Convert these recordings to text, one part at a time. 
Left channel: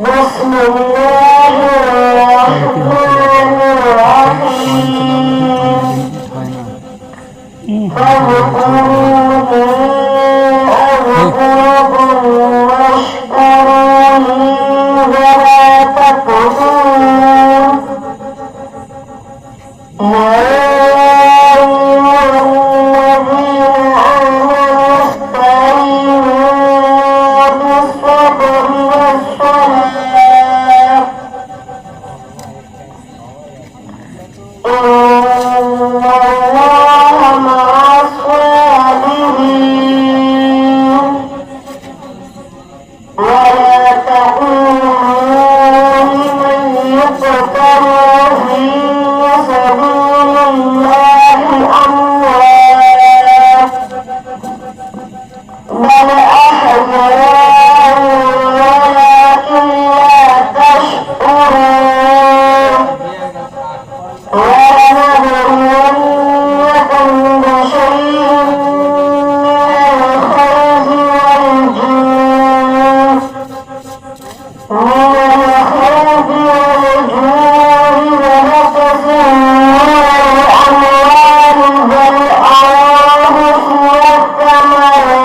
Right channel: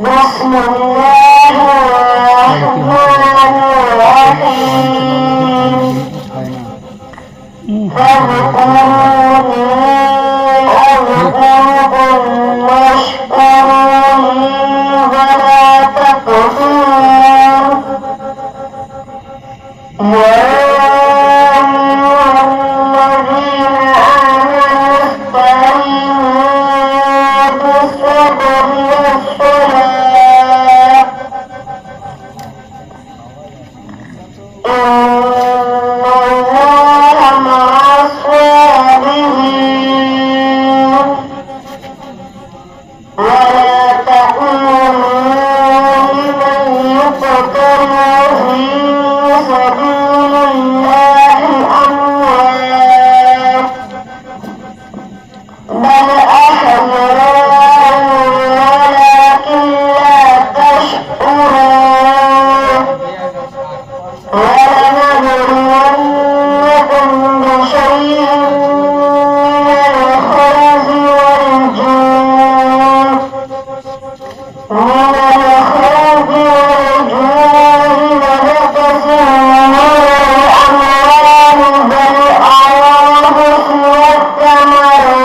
بسم الله الرحمن الرحيم فاذكروني أذكركم واشكروا لي ولا تكفرون يا أيها الذين آمنوا استعينوا بالصبر والصلاة إن الله مع الصابرين ولا تكونوا لمن يقتل في سبيل الله أموات بل أحياء ولكن لا تشعرون ولنبلونكم بشيء من الخوف والجوع ونقص أموال بالأنفس والثمرات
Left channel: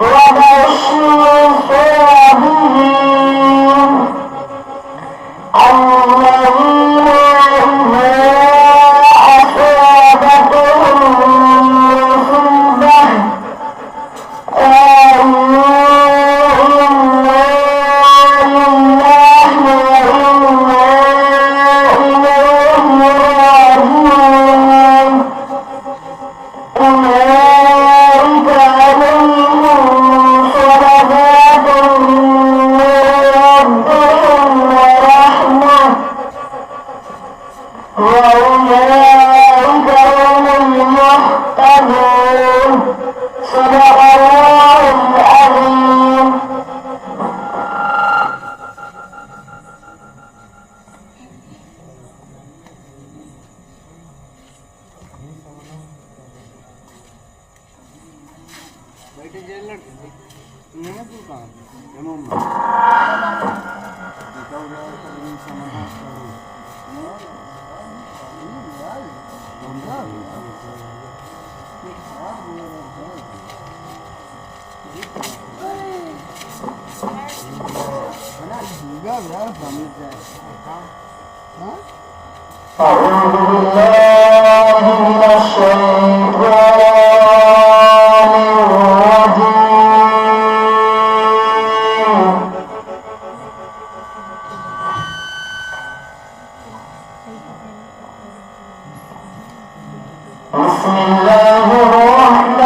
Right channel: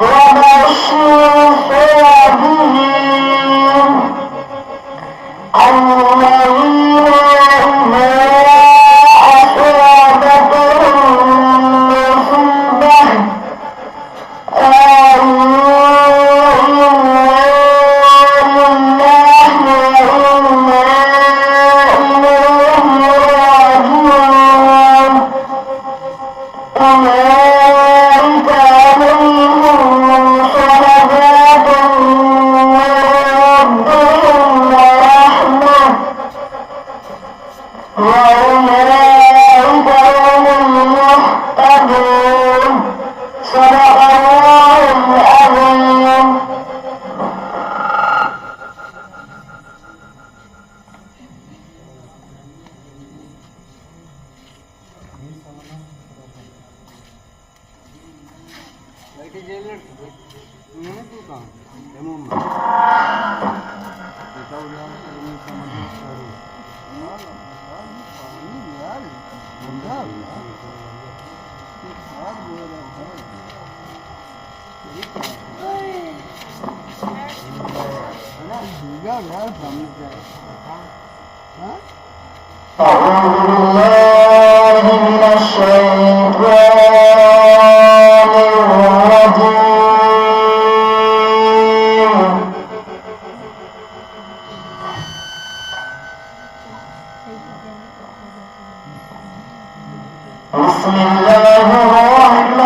وبشر الصابرين الذين إذا أصابتهم مصيبة قالوا إنا لله وإنا إليه راجعون أولئك عليهم صلوات من ربهم ورحمة وأولئك هم المهتدون صدق الله العظيم. أعوذ بالله من الشيطان الرجيم بسم الله الرحمن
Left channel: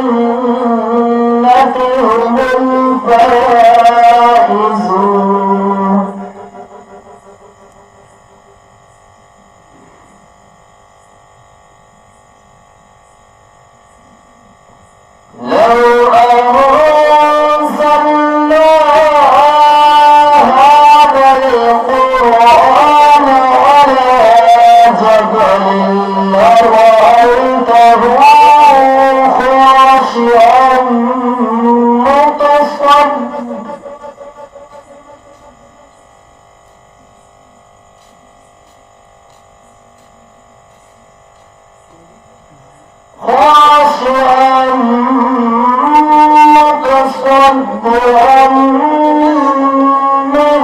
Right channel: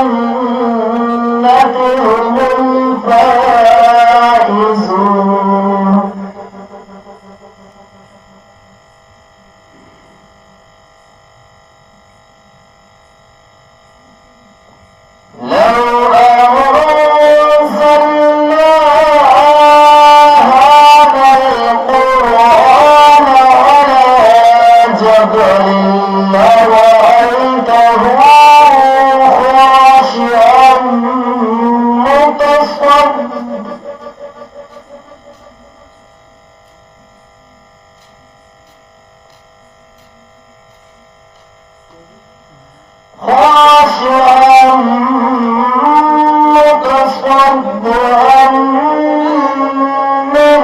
الجنة هم الفائزون لو أنزلنا هذا القرآن على جبل لرأيته خاشعا متصدعا من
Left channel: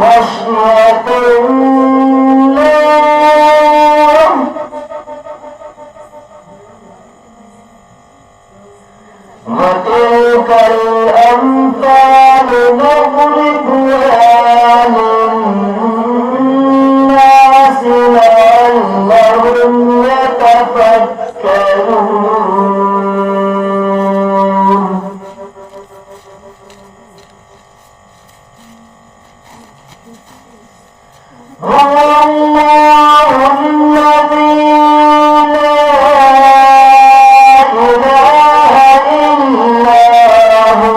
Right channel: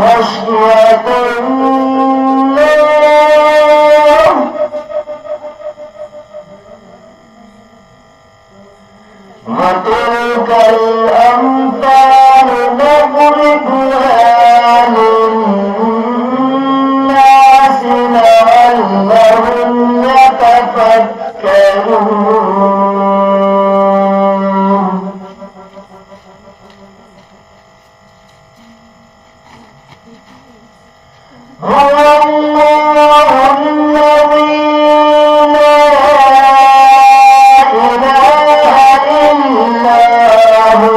خشية الله وتلك الأمثال نضربها للناس لعلهم يتفكرون هو الله الذي لا إله إلا هو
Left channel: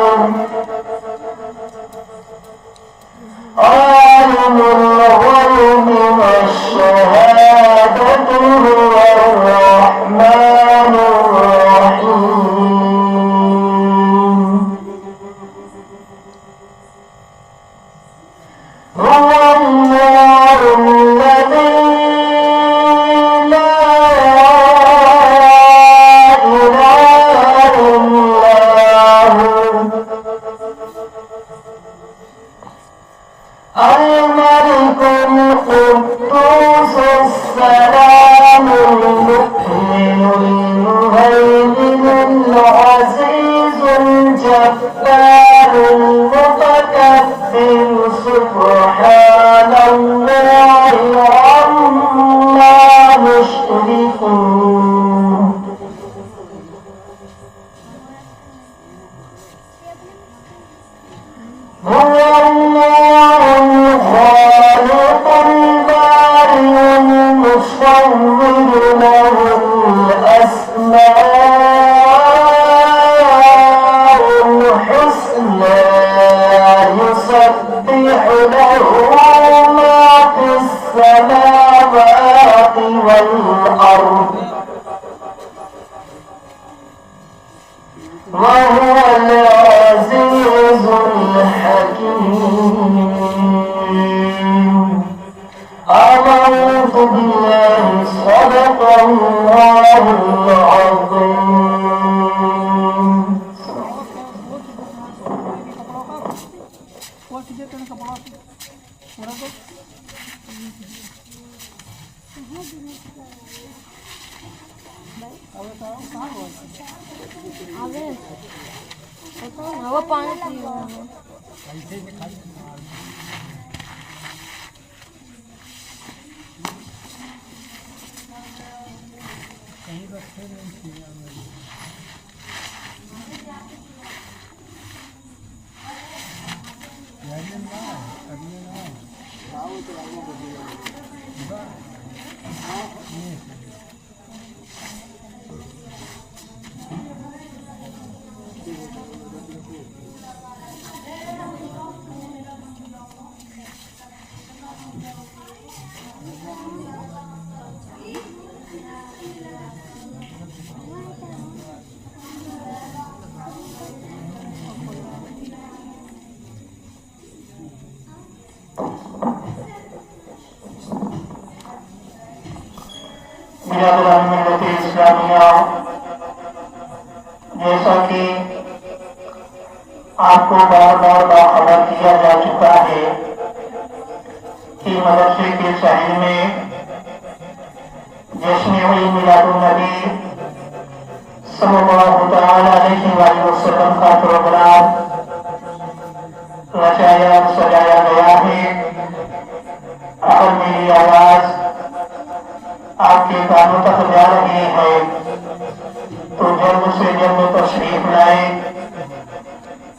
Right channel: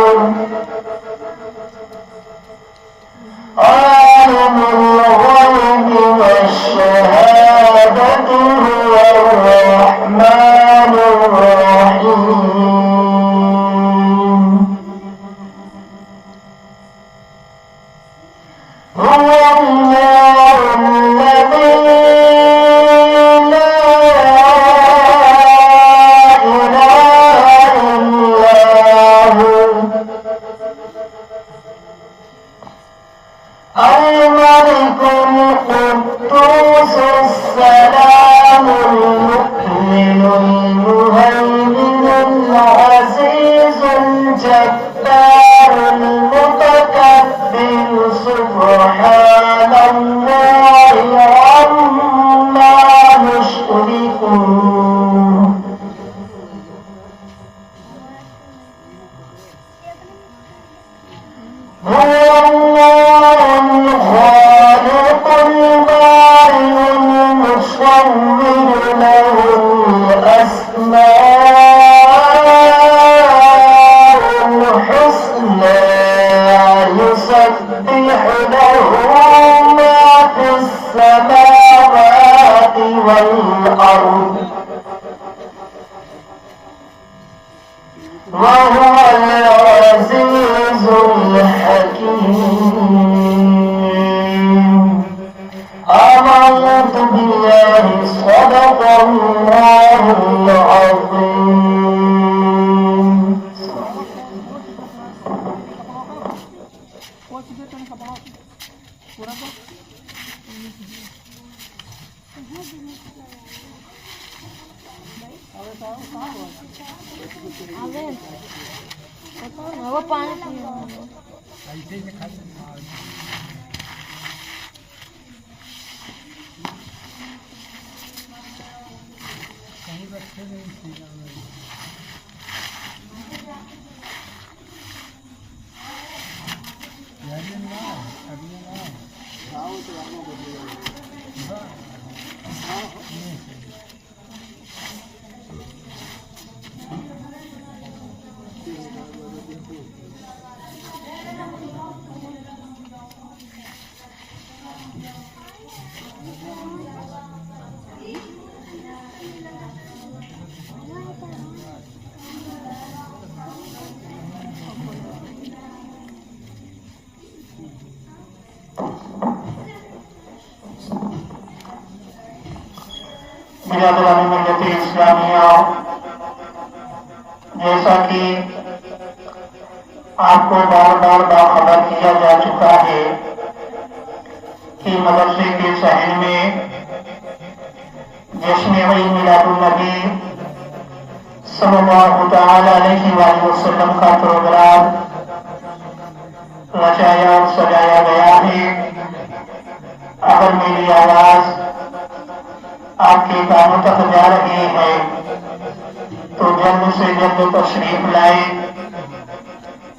عالم الغيب والشهادة هو الرحمن الرحيم هو الله الذي لا إله إلا هو الملك القدوس السلام المؤمن المهيمن العزيز الجبار المتكبر سبحان الله عما يشركون هو الله الخالق البارئ المصور له الأسماء الحسنى يسبح له ما في السماوات والأرض وهو العزيز الحكيم آمنت بالله صدق الله العظيم वो पानी पीना मिलत इस्लामिया जैसा कि आपको बार बार बाखबर किया जा चुका है कि मदरसे के सहन में जश्न ईद मिलादुन्नबी सल्लल्लाहु तआला अलैहि वसल्लम का प्रोग्राम रचाया सजाया गया है। अगर मेरी आवाज आपके कानों तक जा रही है तो तो जल्द से जल्द तशरीफ लाए।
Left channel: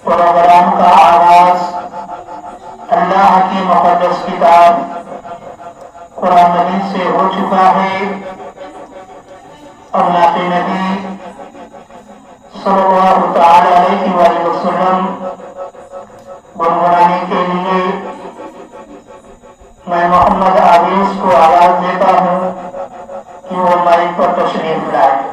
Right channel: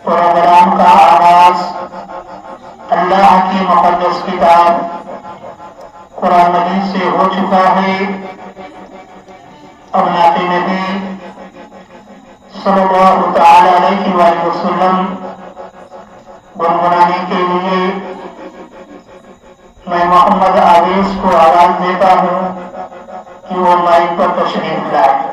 प्रोग्राम का आगाज अल्लाह की मुक़द्दस किताब कुरान मजीद से हो चुका है। अब नाते नबी सल्लल्लाहु तआला अलैहि वसल्लम गुनगुनाने के लिए मैं मोहम्मद आवेश को आवाज देता हूँ कि वो माइक पर तशरीफ लाए।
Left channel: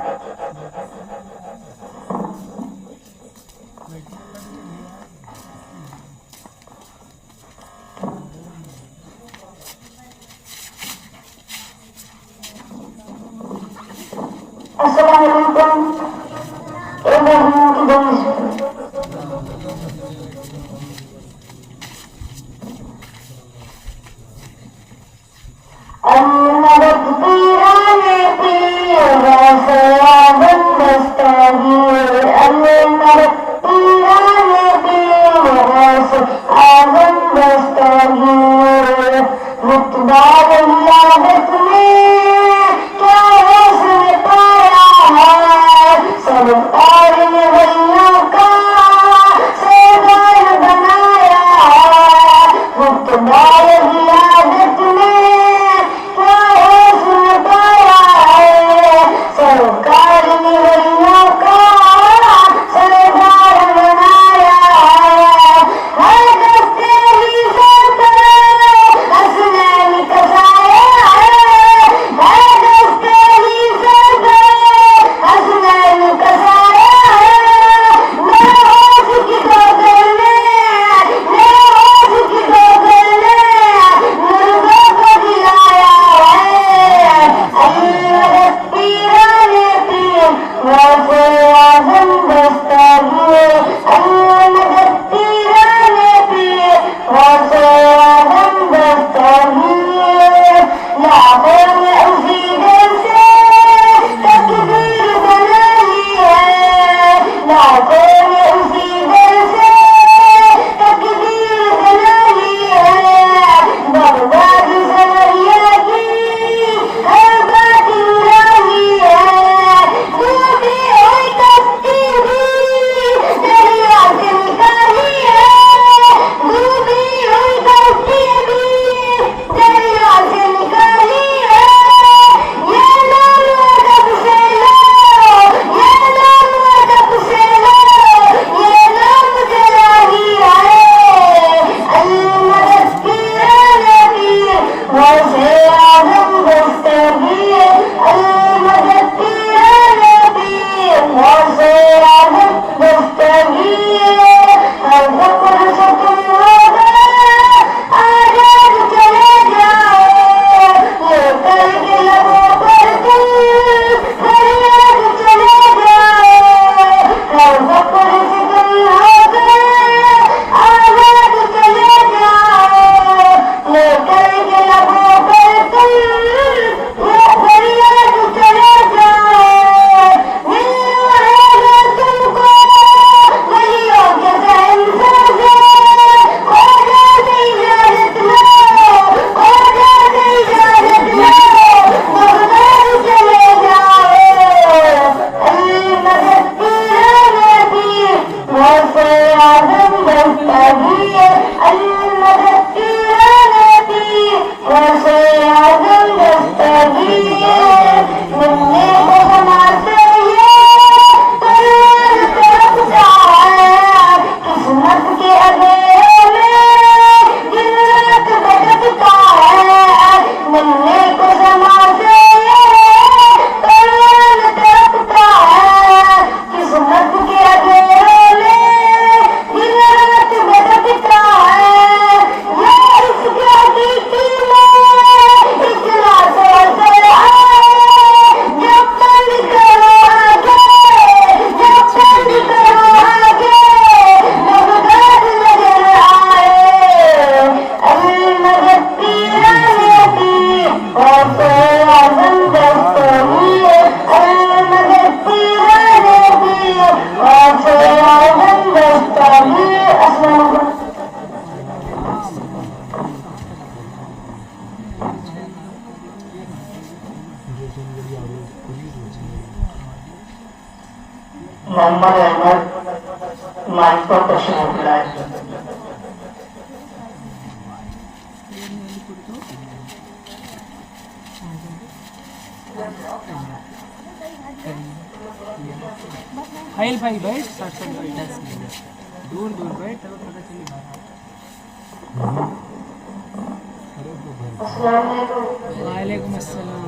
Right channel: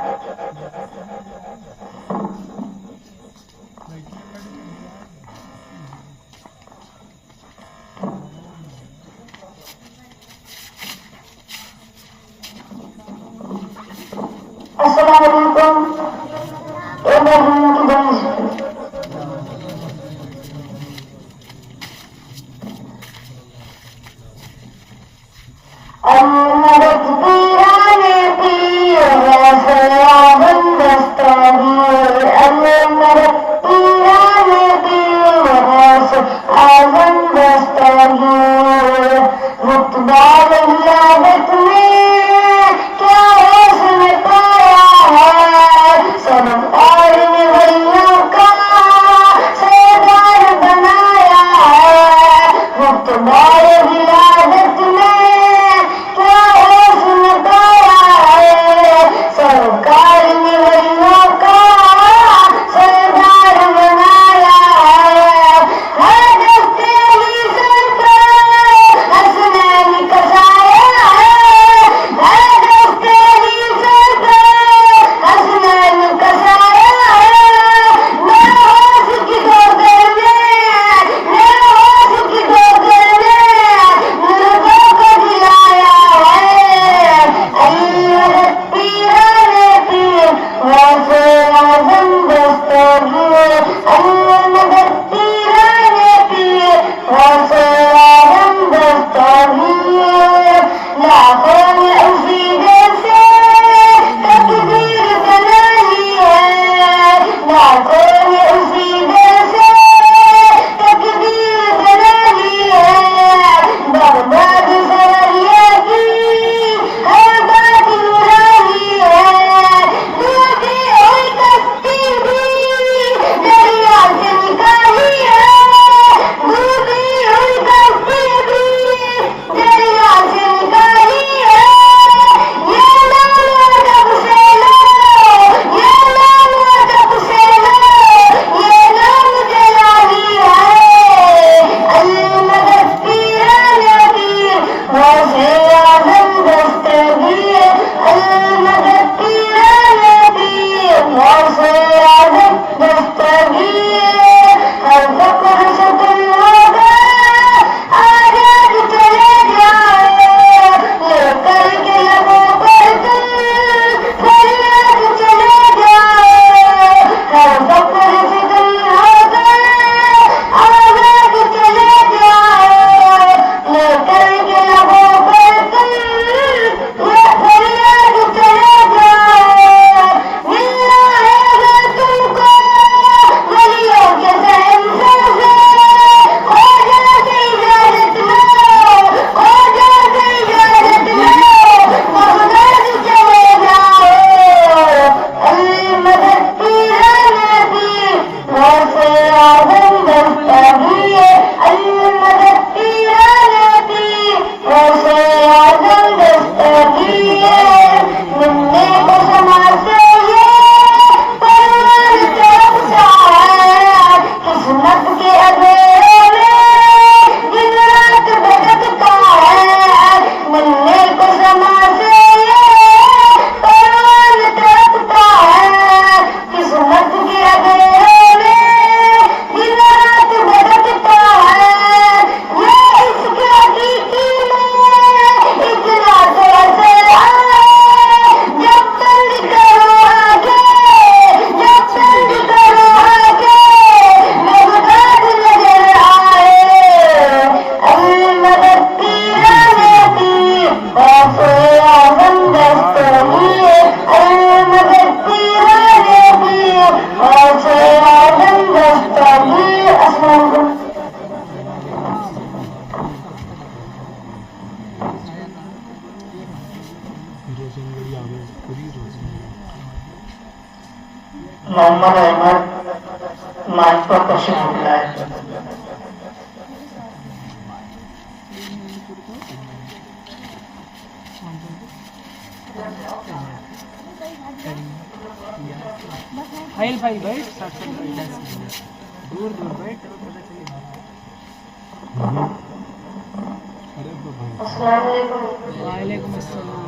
अस्सलाम वालेकुम। मोहम्मद अहमद माइक पर तशरीफ लाए। भाई भाई भाई 10 मिनट दूर दूर भाई चलो पता चले वालेकुम अस्सलाम।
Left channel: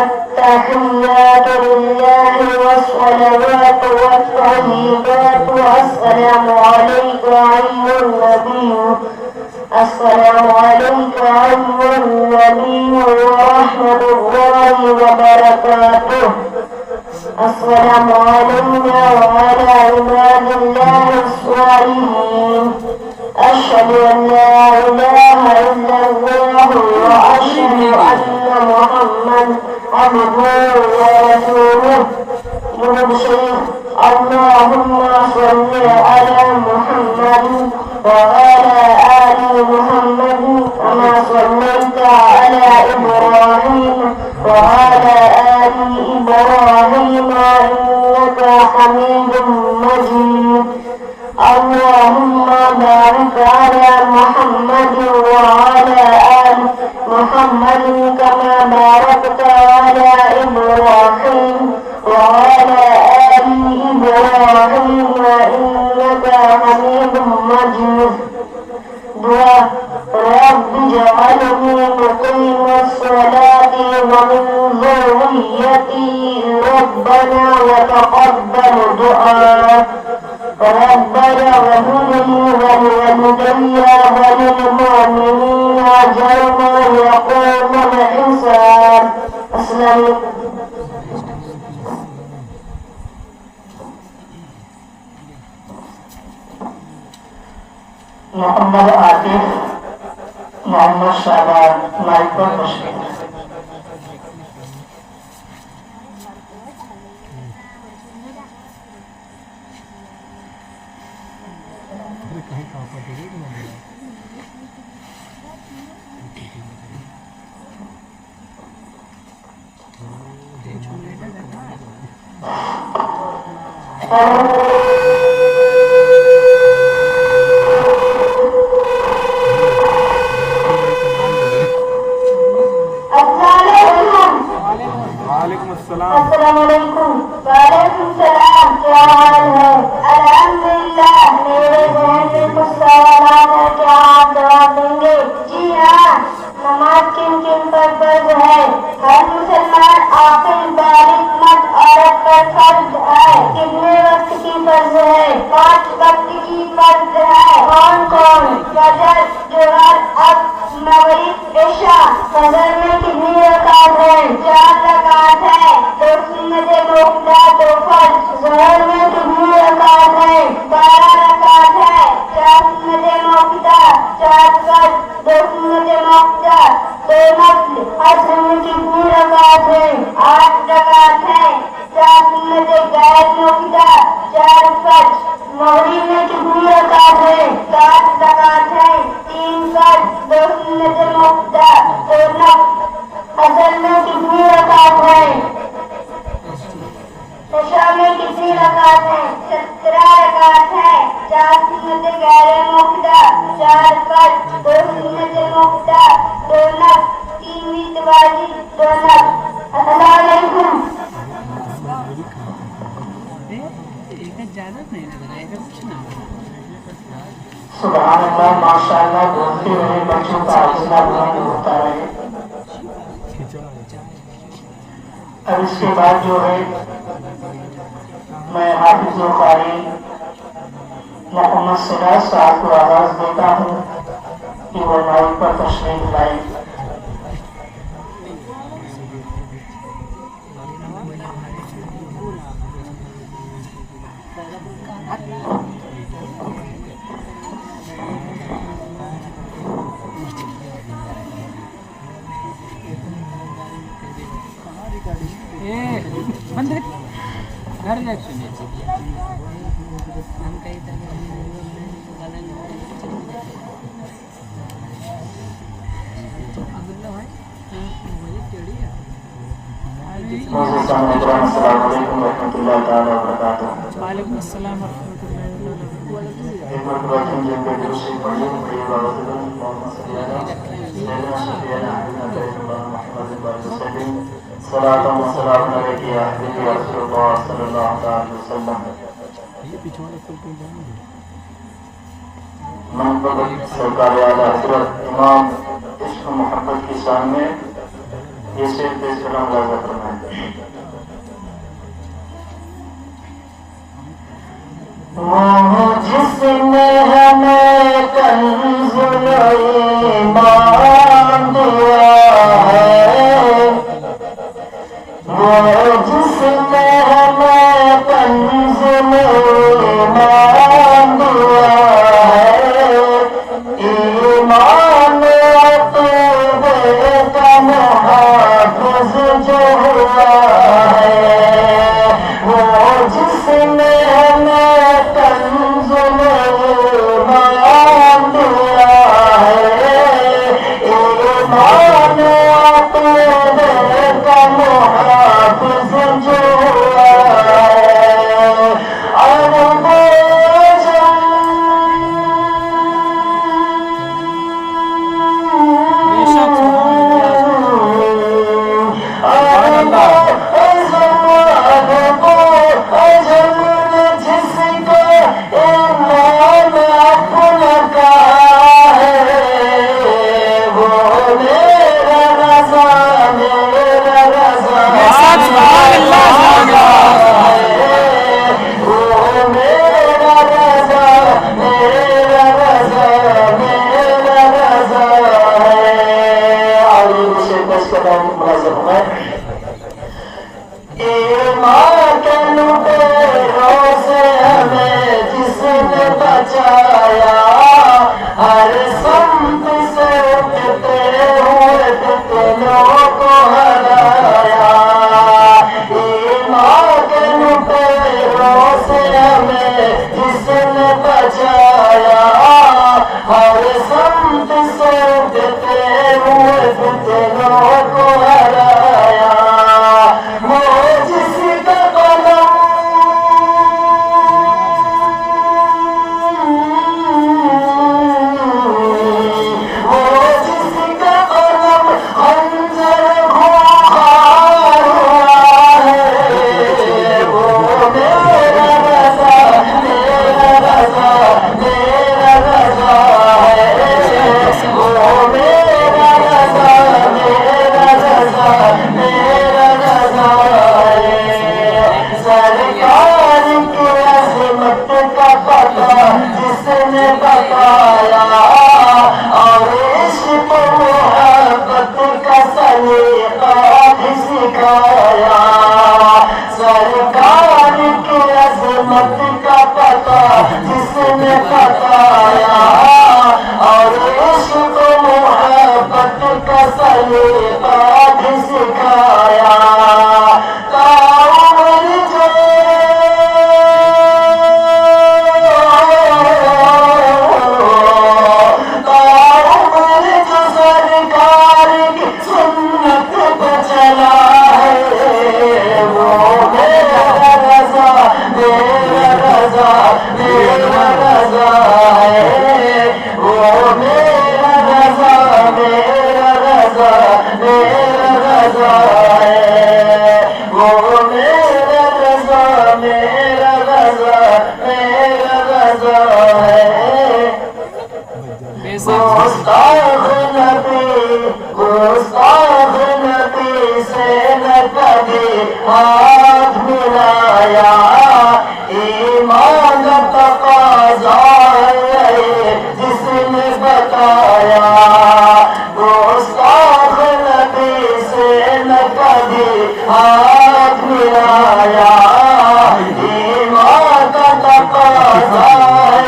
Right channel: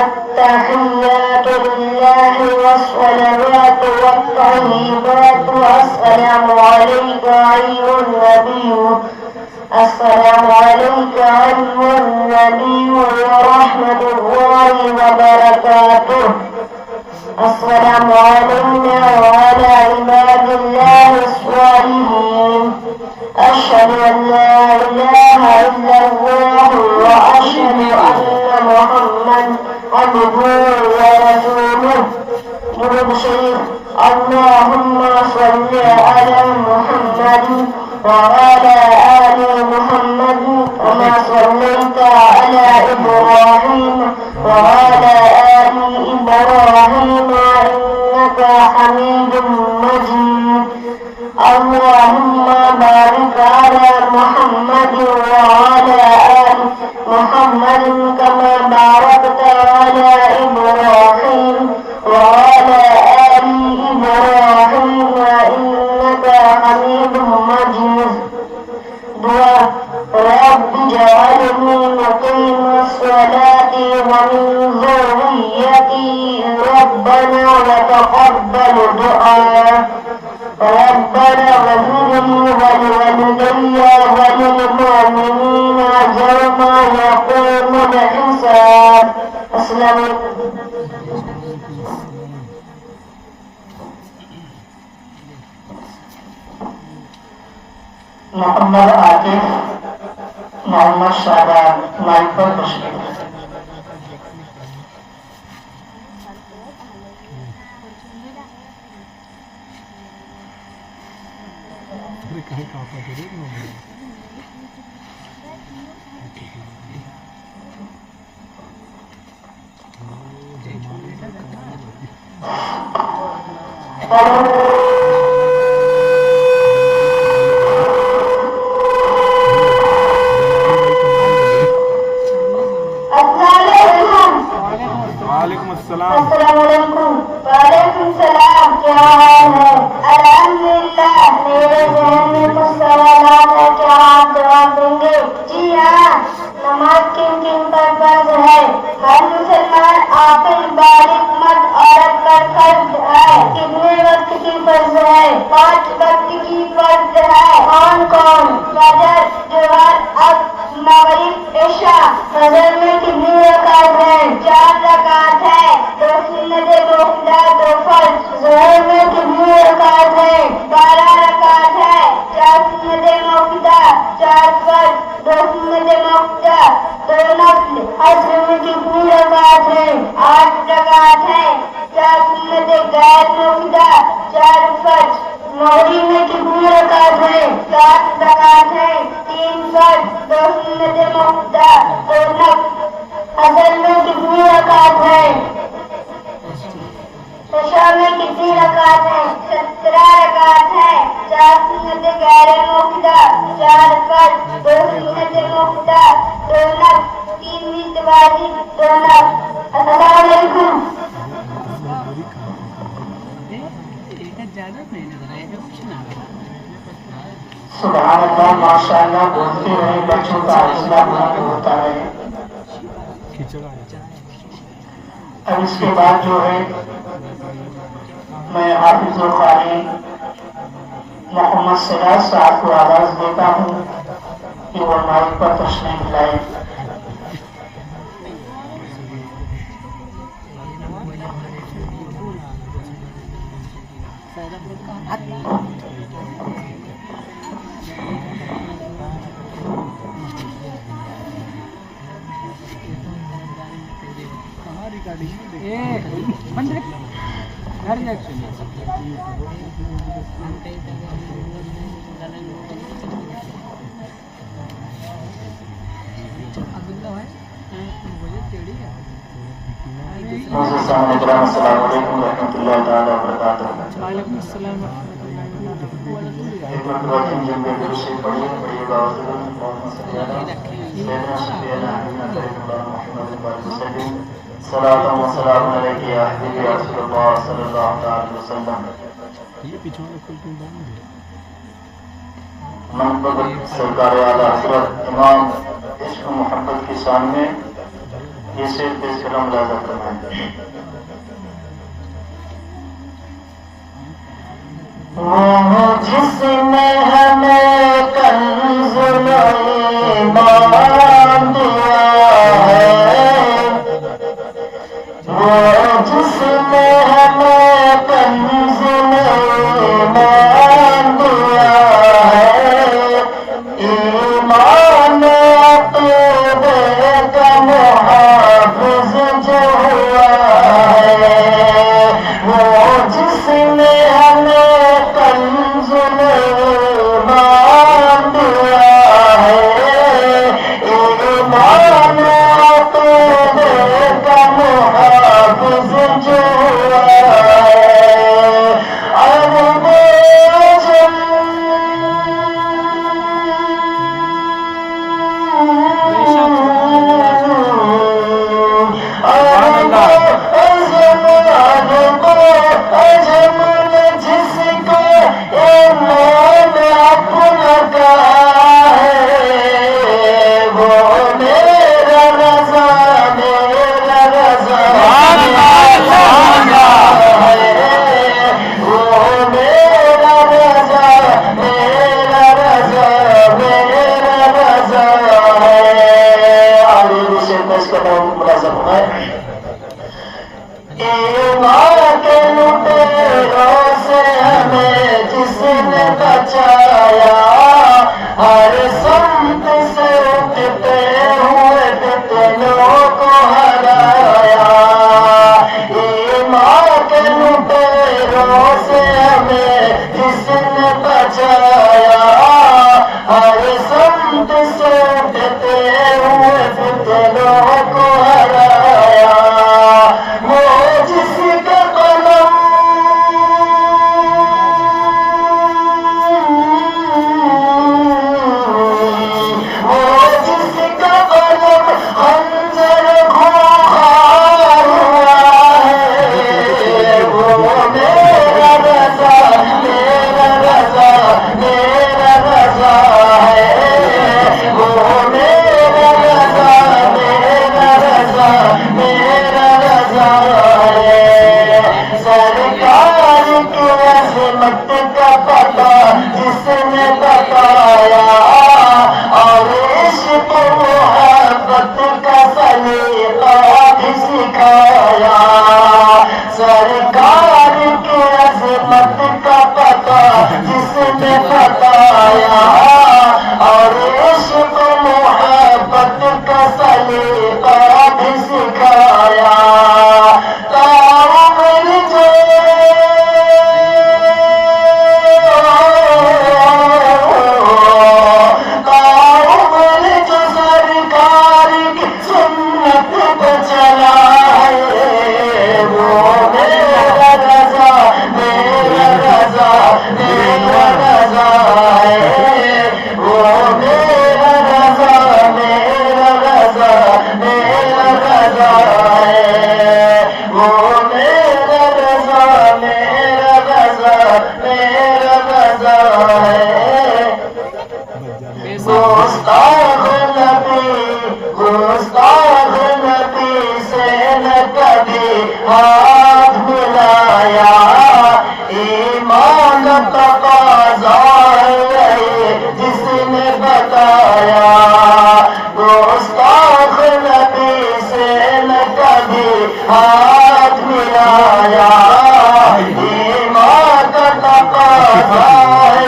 التحيات لله والصلوات والطيبات والسلام عليك أيها النبي السلام عليك أيها النبي ورحمة الله وبركاته السلام علينا وعلى عباد الله الصالحين أشهد أن لا إله إلا الله وأشهد أن محمد عبده ورسوله. درود شريف. اللهم صل على محمد وعلى آل محمد كما صليت على إبراهيم وعلى آل إبراهيم إنك حميد مجيد. اللهم بارك على محمد وعلى آل محمد كما باركت على إبراهيم وعلى آل إبراهيم إنك حميد مجيد. دعاء. رب اجعلني مقيم الصلاة ومن ذريتي ربنا وتقبل دعاء. ربنا اغفر لي ولوالدي وللمؤمنين يوم يقوم الحساب. السلام عليكم. मोहम्मद आतिफ मोहम्मद शाहबाज माइक पर तशरीफ। अस्सलामुअलैकुम। वालेकुम सलाम। क्या हाल है? अल्हम्दुलिल्लाह। मेरे जहन में कुछ सवालात है, क्या आप जवाब देंगे? जी हाँ। नमाज किन किन पर फर्ज है? हर मुसलमान आखिर बालिग मर्द औरत पर फर्ज है। कितने वक्त की फर्ज है? 5 वक्त की फर्ज है। कौन कौन? फजर, जोहर, अब्र, मगरिब, इशा। फजर में कितनी रकात है? 4 रकात है। 2 सुन्नत मुक्ता, 2 फर्ज। जोहर में कितनी रकात है? 12 रकात है। 4 सुन्नत मुक्ता, 4 फर्ज, 2 सुन्नत मुक्ता, 2 नफ्ल। असर में कितनी रकात है? 8 रकात है। 4 सुन्नत गैर मुक्ता, 4 फर्ज। मगरिब में कितनी रकात है? 7 रकात है। 3 फर्ज, 2 सुन्नत मुक्ता, 2 नफ्ल। असर में कितनी रकात है? इशा में कितनी रकात है? 17 रकात है। 4 सुन्नत गैर मुक्ता, 4 फर्ज, 2 सुन्नत मुक्ता, 2 नफ्ल, 3 वित्र वाली, 2 नफ्ल। अस्सलाम वालेकुम। ज्यादा नहीं लग रहा है, कुछ ना सुभान अल्लाह माशाअल्लाह। बोलते रहे बच्चों का हौसला बुलंद होता रहे। अब इसके बाद जो है मैं हाफिज़ुल क़ारी मोहम्मद सिराज साहब को आवाज़ देता हूँ कि वो माइक पर तशरीफ लाए। घर लग सुनिए हम कहीं तक अगला है मुझे टेढ़ी है। मुझे सामने ग्राम अस्सलाम वालेकुम रहमतुल्लाह ताला वबरकातुहू। वालेकुम अस्सलाम वरहमतुल्लाहि वबरकातुहू। एक बार जो के खुशी पड़ी ये बात सैयदना सफियाना मोहम्मद सल्लल्लाहु सलाम अलैहि या हबीबी या रसूलुल्लाह सल्लल्लाहु अलैहि वसल्लम। ये पीछे वाला फुल क्यों डाल दो? मोहम्मद सरकार आला हजरत इमाम इश्क मोहब्बत के सामने ये सिर्फ पेश करना लाज़िम फरमाएं। वो जिसने हमें कंज़ुल ईमान दिया है, वो जिसने हमें कंज़ुल ईमान दिया है, ईमान अक़ीदे का मुहाफ़िज़ जो हुआ है, वो जिसने हमें कंज़ुल ईमान दिया है, ईमान अक़ीदे का मुहाफ़िज़ जो हुआ है। जिसने बचाया हर संत से उठते हुए फितनों को हराया, ईमान के लुटेरों से हमें जिसने बचाया हर संत से उठते हुए फितनों को हराया। वो जिसका कलम जिसने बताया और इश्क मोहब्बत का सलीका भी सिखाया, सरकार की अज़मत का पता जिसने बताया और इश्क मोहब्बत का सलीका भी सिखाया। गुस्ताख नबी से न कभी हाथ मिलाया, ईमान तकाज़ा है जिसने बताया। गुस्ताख नबी से न कभी हाथ मिलाया, ईमान तकाज़ा है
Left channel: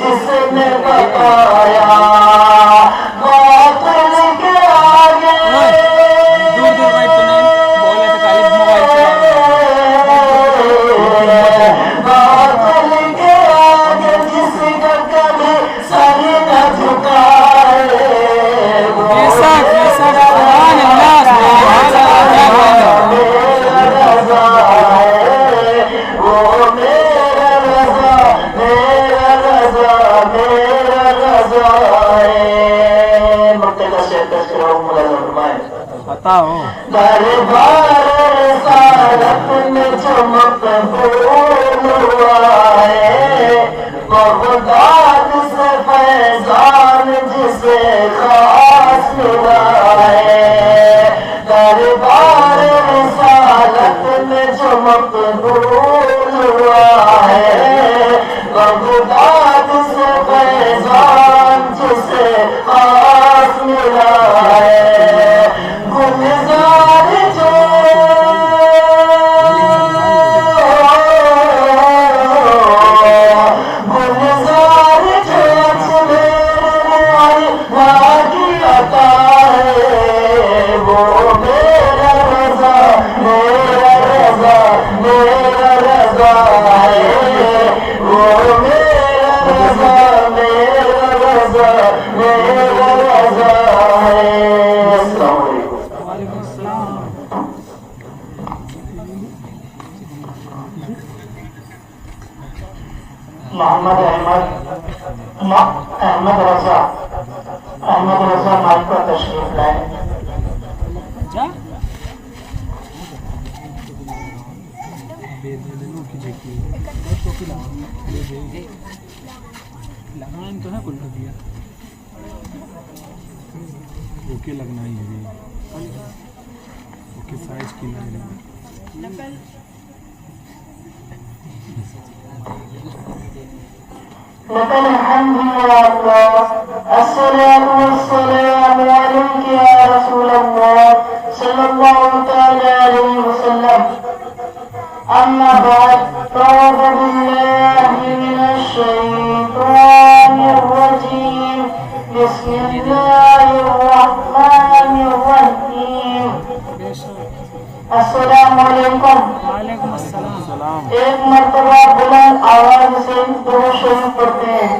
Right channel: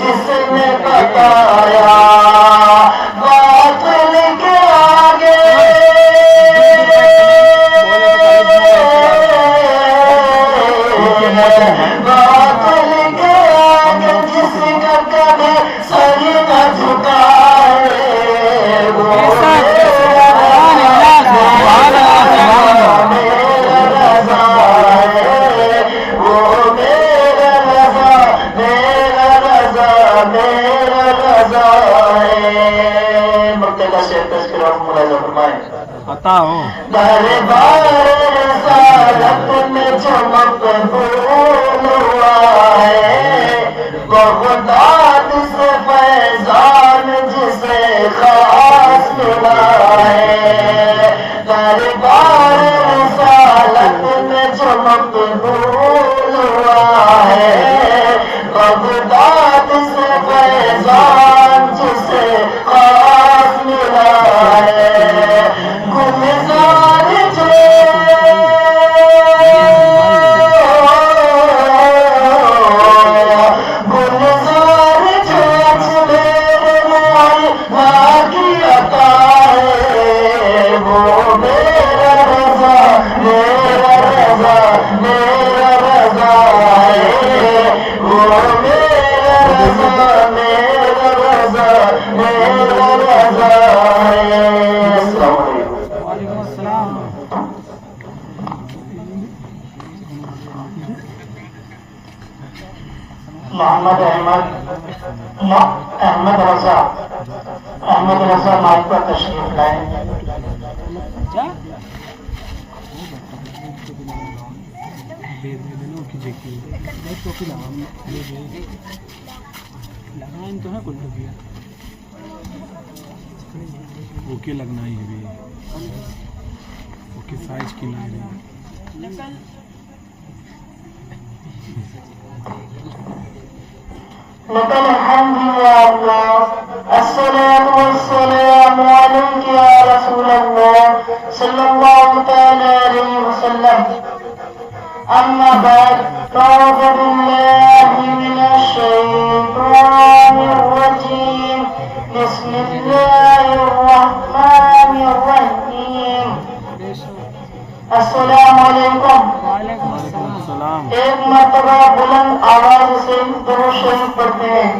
जिसने बताया। बातिल के आगे बातिल के आगे जिसका कभी सर न झुकाए, वो मोहम्मद अहमद रजा नाम का तशरीफ लाए। जा लगान तो है कुल भैया ओके लगना ही है ओके साइज की ना लकल हम्दु या अल्लाह अस्सलातु वस्सलामु अलैका या रसूलल्लाह सल्लल्लाहु तआला अलैहि वसल्लम। अम्मा बाद फ़अऊज़ु बिल्लाहि मिनश शैतानिर रजीम। बिस्मिल्लाहिर रहमानिर रहीम। अस्सलामु अलैकुम। वालेकुम अस्सलाम। एक मर्तबा बुलंद आवाज से दो शरीफ पढ़ते हैं।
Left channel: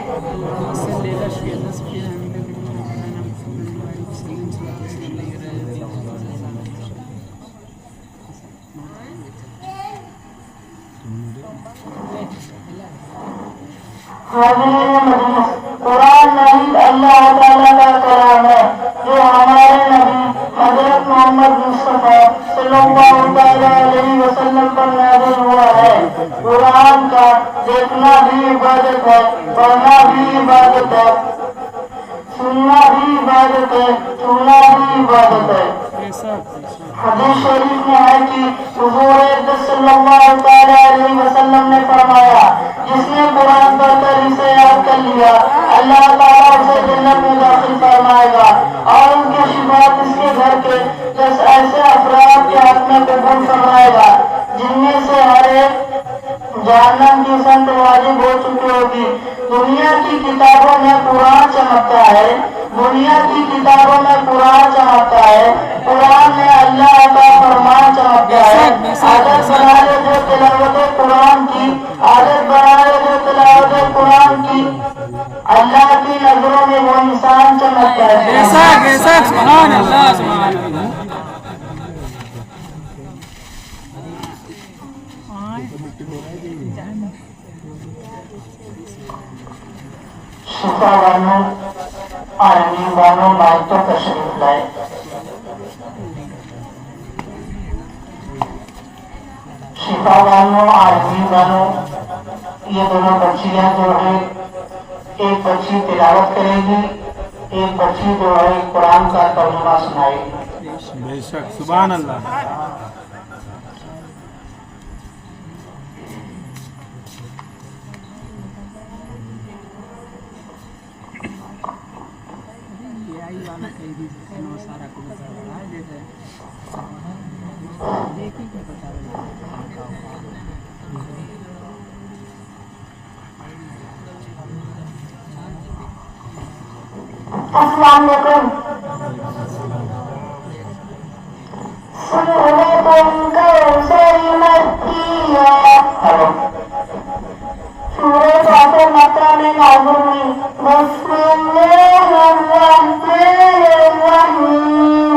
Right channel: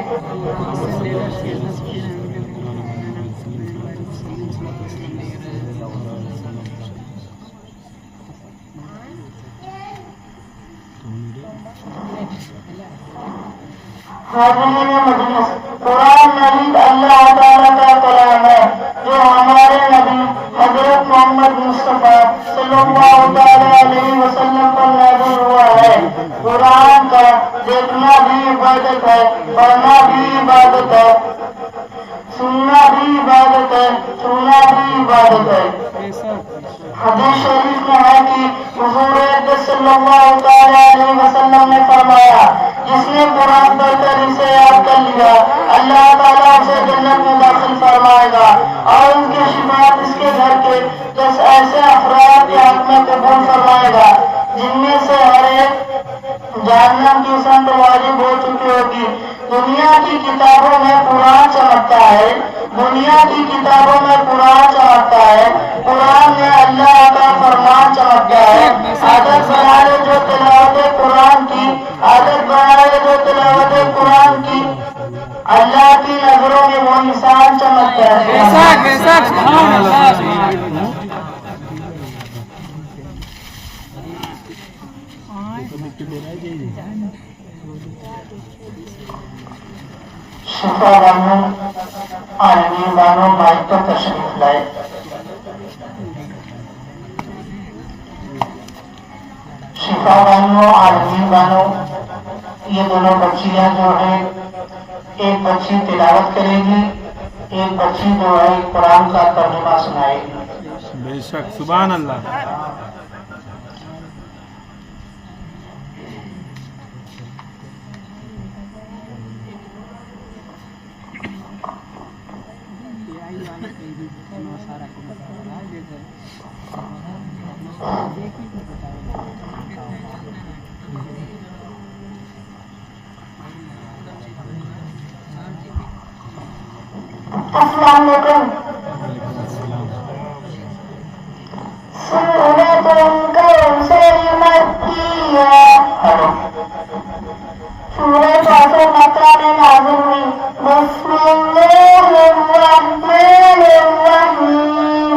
कुरान मजीद अल्लाह ताला का कलाम है जो हमारे नबी हजरत मोहम्मद मुस्तफा सल्लल्लाहु अलैहि वसल्लम पर नाज़िल हुआ है। कुरान का देखना भी इबादत है, पढ़ना भी इबादत है, सुनना भी इबादत है, छूना भी इबादत है। हदीस शरीफ में है कि हुजूर अक़दस सल्लल्लाहु अलैहि वसल्लम ने फरमाया, जिसने कुरान पढ़कर इसे याद कर लिया अल्लाह ताला उसे जन्नत में दाखिल फरमाएगा और उनकी शिफात इसके घर के 10 ऐसे अफराद के हक में कबूल फरमाएगा जिनमें से हर एक जहन्नम की संत वाजिब हो चुकी होगी। दुनिया की किताबों में कुरान चमकता है, दुनिया की किताबों में कुरान चमकता है, कुरान में अल्लाह का फरमान चमकता है। आदत बनाए जो तिलावत कुरान की, आदत बनाए जो तिलावत कुरान की, अल्लाह की नजरों में वो इंसान चमकता है। शिफा बानो आलमीन बानो माइक पर तशरीफ लाए। शिफा बानो आलमीन बानो ये दोनों बच्चियां जो है, एक बच्ची तिलावत करेगी, एक बच्ची जो है कुरान का तर्जुमा सुनाएगी। बेशक सुभान अल्लाह। अस्सलाम वालेकुम। सूरतुल कौसर मक्किया। सूरह कौसर मक्का में नाज़िल हुई। बिस्मिल्लाहिर्रहमानिर्रहीम।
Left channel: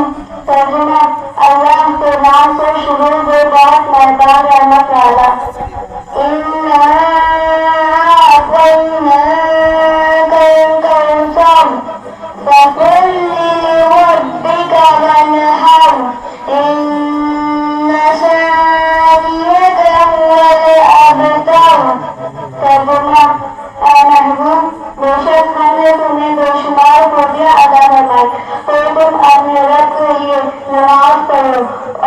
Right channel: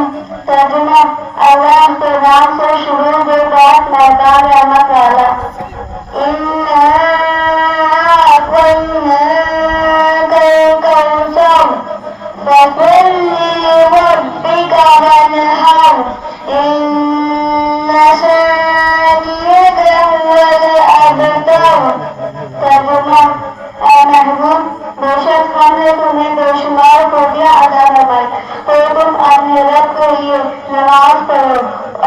तर्जुमा अल्लाह के नाम से शुरू जो बात मैदान रहमत वाला। बेशक हमने तुम्हें बेशुमार खूबियां अदा करवाई, तो तुम अपने रब के लिए नमाज पढ़ो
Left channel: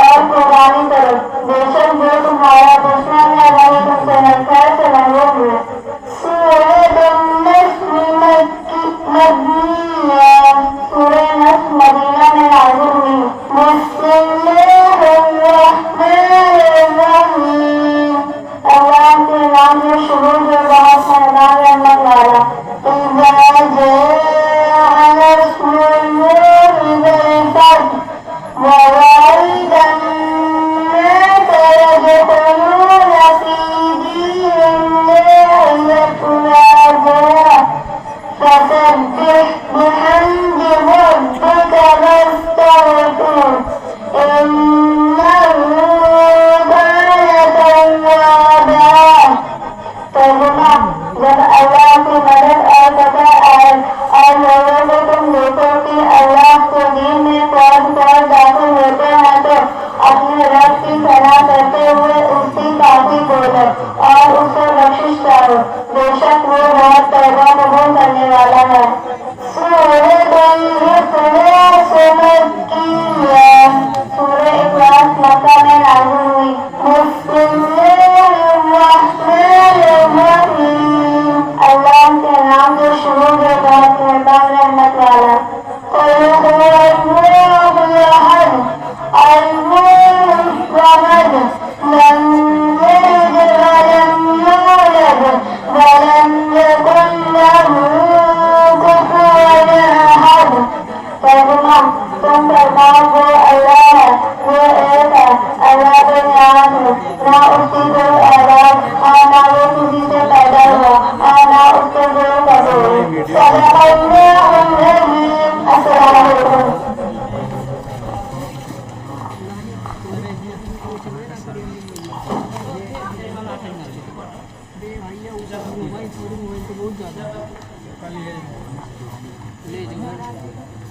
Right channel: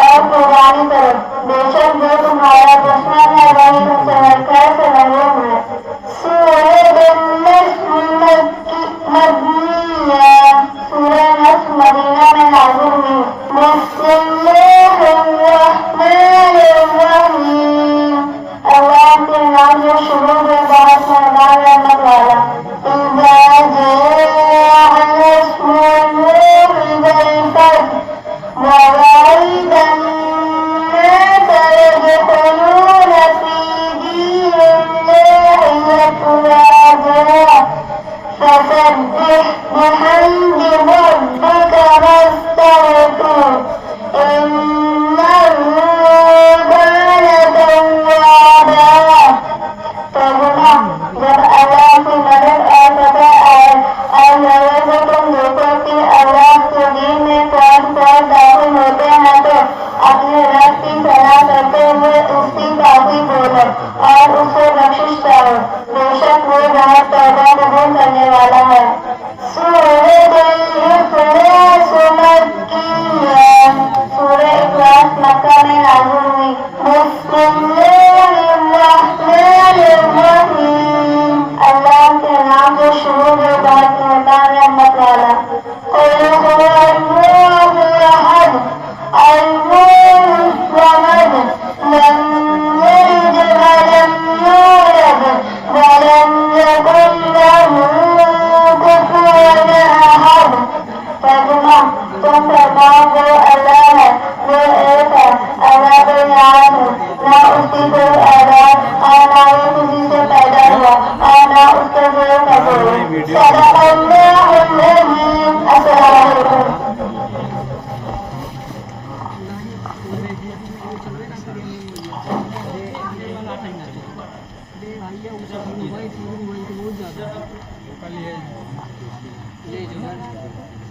और कुर्बानी करो। बेशक जो तुम्हारा दुश्मन है वही तुमसे खैर से महरूम है। सूरह नस्र मदीना में नाज़िल हुई। बिस्मिल्लाहिर्रहमानिर्रहीम। अल्लाह के नाम से शुरू में बात मैदान रहमत वाला। ووعد الناس يدخلون في دين उससे बख्शिश चाहो, बेशक वो बहुत तौबा कबूल करने वाला है। सूरह इखलास मक्का में नाज़िल हुई। अल्लाह के नाम से शुरू में बहुत मेहरबान रहमत वाला। तुम बताओ वो अल्लाह है, वो एक है, अल्लाह बेनियाज है, ना उसकी कोई औलाद और ना वो किसी से पैदा हुआ और ना उसके जोड़ का जोड़।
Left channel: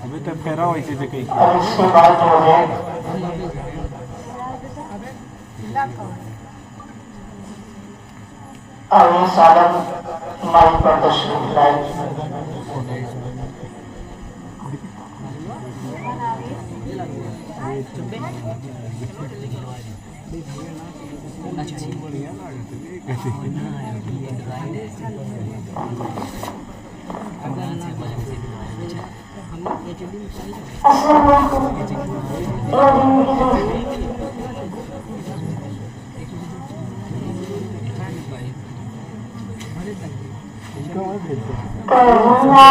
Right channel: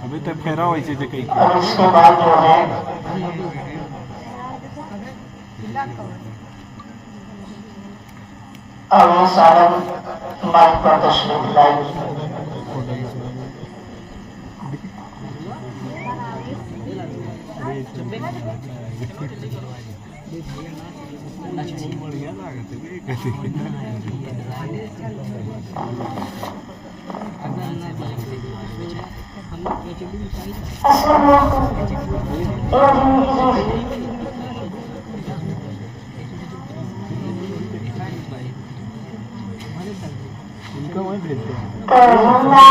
अभी तक फेरा हुई चीज़ कही और इसके बाद जो है और ये सारा माइक पर तशरीफ लाई। इनको वहीं भेजते हैं। करुणा